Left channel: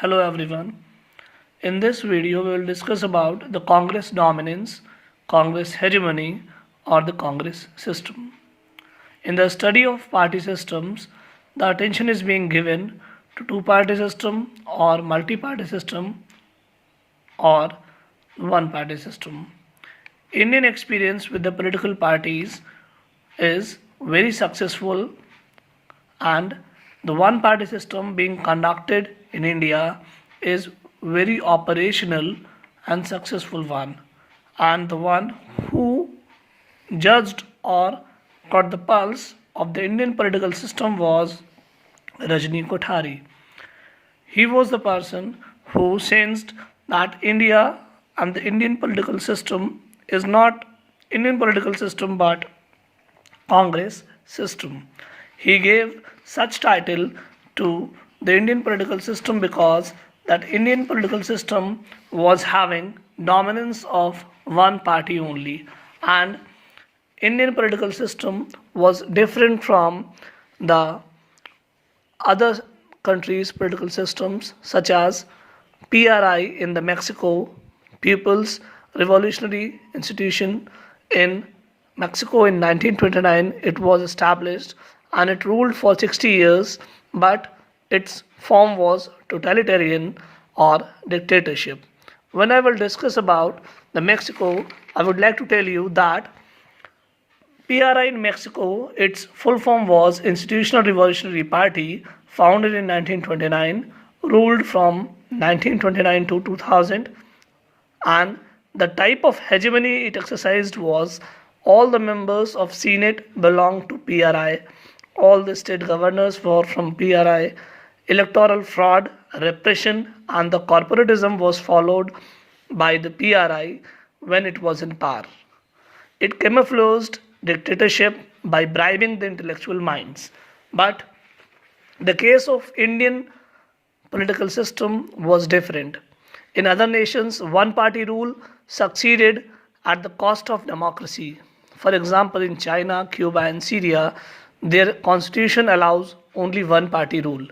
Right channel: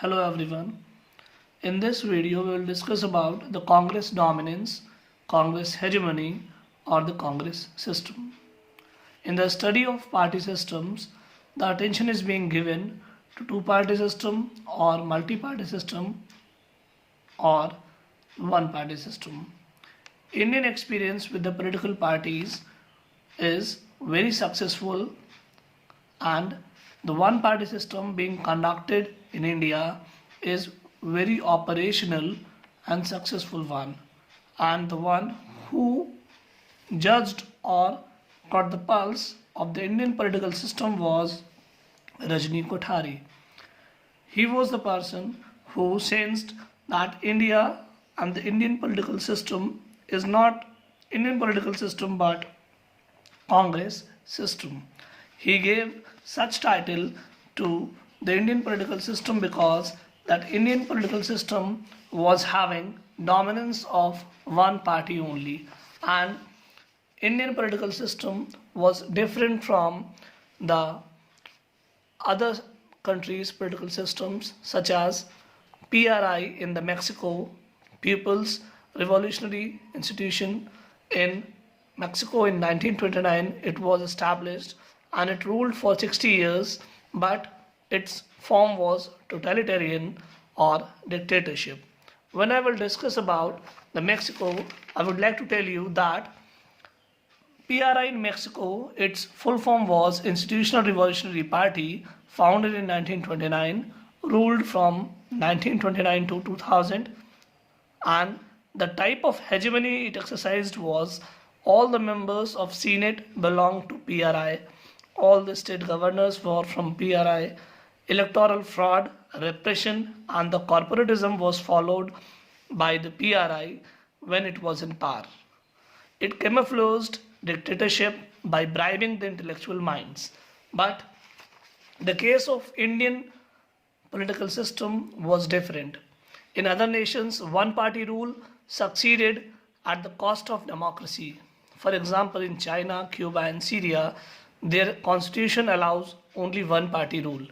Hello everyone. In this video we will discuss about the Congress dominance, Congress hegemony or the Congress system. In the study of party systems, the attention is being given to two-party system or multi-party system or one-party system. Indian experience with the political parties is very successful, and the one party system being conducted in India is very operational and successful one, and the one who judged or got the pulse of the Indian political system was Rajni Kothari. He was the person who sensed that India and the Indian political system is not Indian political system but Congress system. He gave such title to the Indian political system because that Indian political system was having dominance of one party only, and Indian political system was different from the other countries' political systems such as PRI in the Mexico, People's Revolutionary Institution in Mexico in 1929. It was established and it ruled for 60 years, but its form was totalitarian or dictatorship. When I will discuss about the Mexico, I would like to tell you that PRI in Mexico, its full form was Institutional Revolutionary Party, founded in 1929, ruled from 1929 to 2000, and the type of hegemony it exercised was all the members of Senate belonged to PRI, all the state governors were from PRI, electoral fraud, repression, and the corporatism was followed by the PRI when it was in power. It camouflaged dictatorship by bribing the intellectual minds. But the case of Indian political system was different. In other nations, one party rule succeeded at the cost of democracy. For example, in China, Cuba, and Syria, their constitution allows only one party rule.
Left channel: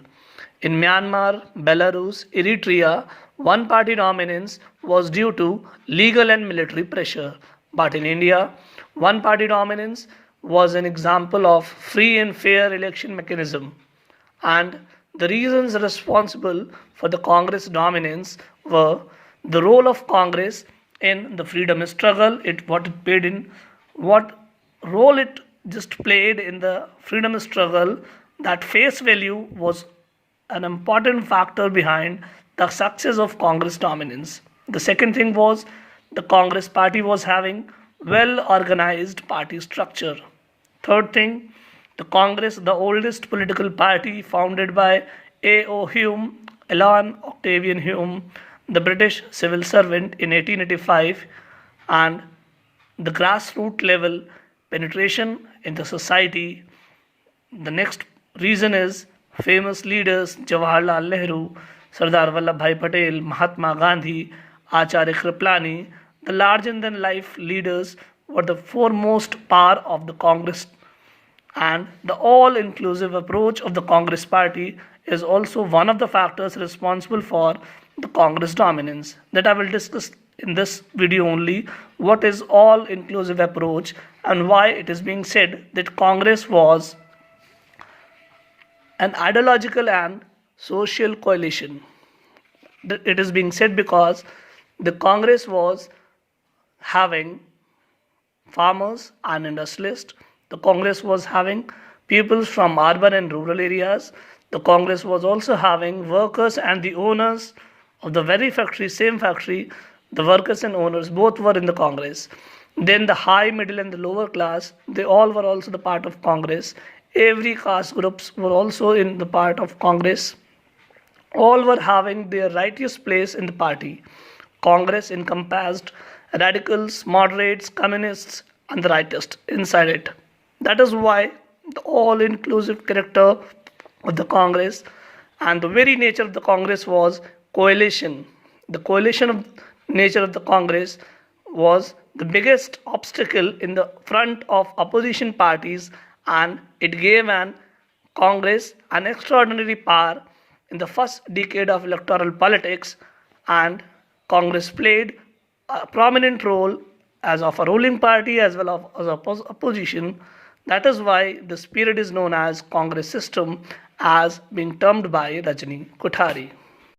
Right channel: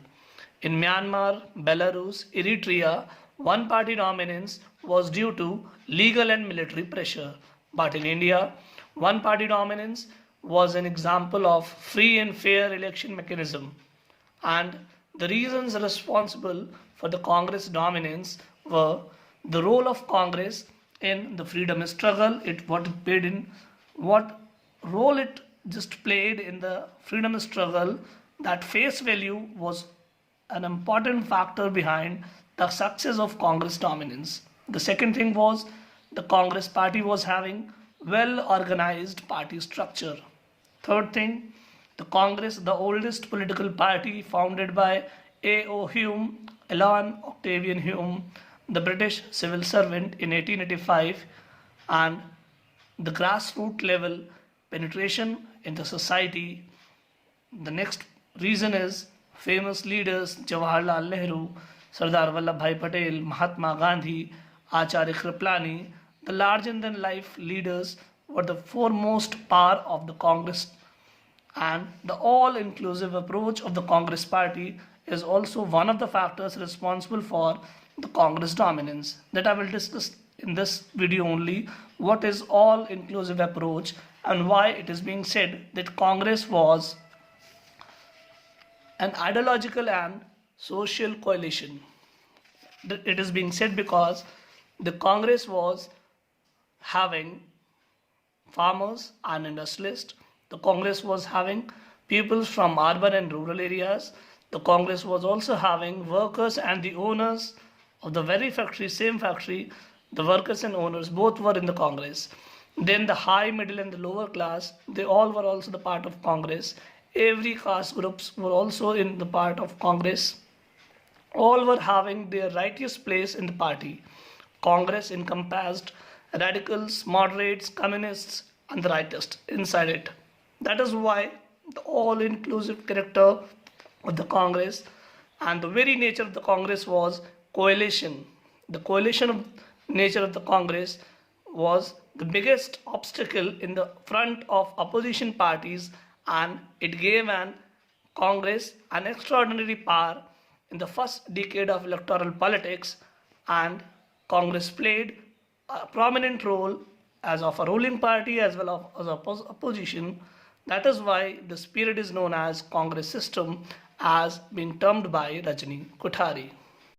In Myanmar, Belarus, Eritrea, one party dominance was due to legal and military pressure. But in India, one party dominance was an example of free and fair election mechanism. And the reasons responsible for the Congress dominance were the role of Congress in the freedom struggle, what role it just played in the freedom struggle. That face value was an important factor behind the success of Congress dominance. The second thing was the Congress party was having well organized party structure. Third thing, the Congress, the oldest political party founded by A.O. Hume, Alan Octavian Hume, the British civil servant in 1885, and the grassroots level penetration in the society. The next reason is famous leaders Jawaharlal Nehru, Sardar Vallabhbhai Patel, Mahatma Gandhi, Acharya Kripalani. The larger than life leaders were the foremost power of the Congress, and the all inclusive approach of the Congress party is also one of the factors responsible for the Congress dominance. That I will discuss in this video only. What is all inclusive approach and why it is being said that Congress was an ideological and social coalition. It is being said because the Congress was having farmers and industrialists. The Congress was having people from urban and rural areas. The Congress was also having workers and the owners of the very factory, same factory. The workers and owners both were in the Congress. Then the high, middle, and the lower class, they all were also the part of Congress. Every caste groups were also in the part of Congress. All were having their righteous place in the party. Congress encompassed radicals, moderates, communists, and the rightists inside it. That is why the all-inclusive character of the Congress and the very nature of the Congress was coalition. The coalition of nature of the Congress was the biggest obstacle in the front of opposition parties, and it gave an Congress an extraordinary power in the first decade of electoral politics, and Congress played a prominent role as of a ruling party as well as opposition. That is why this period is known as Congress system, as being termed by Rajni Kothari.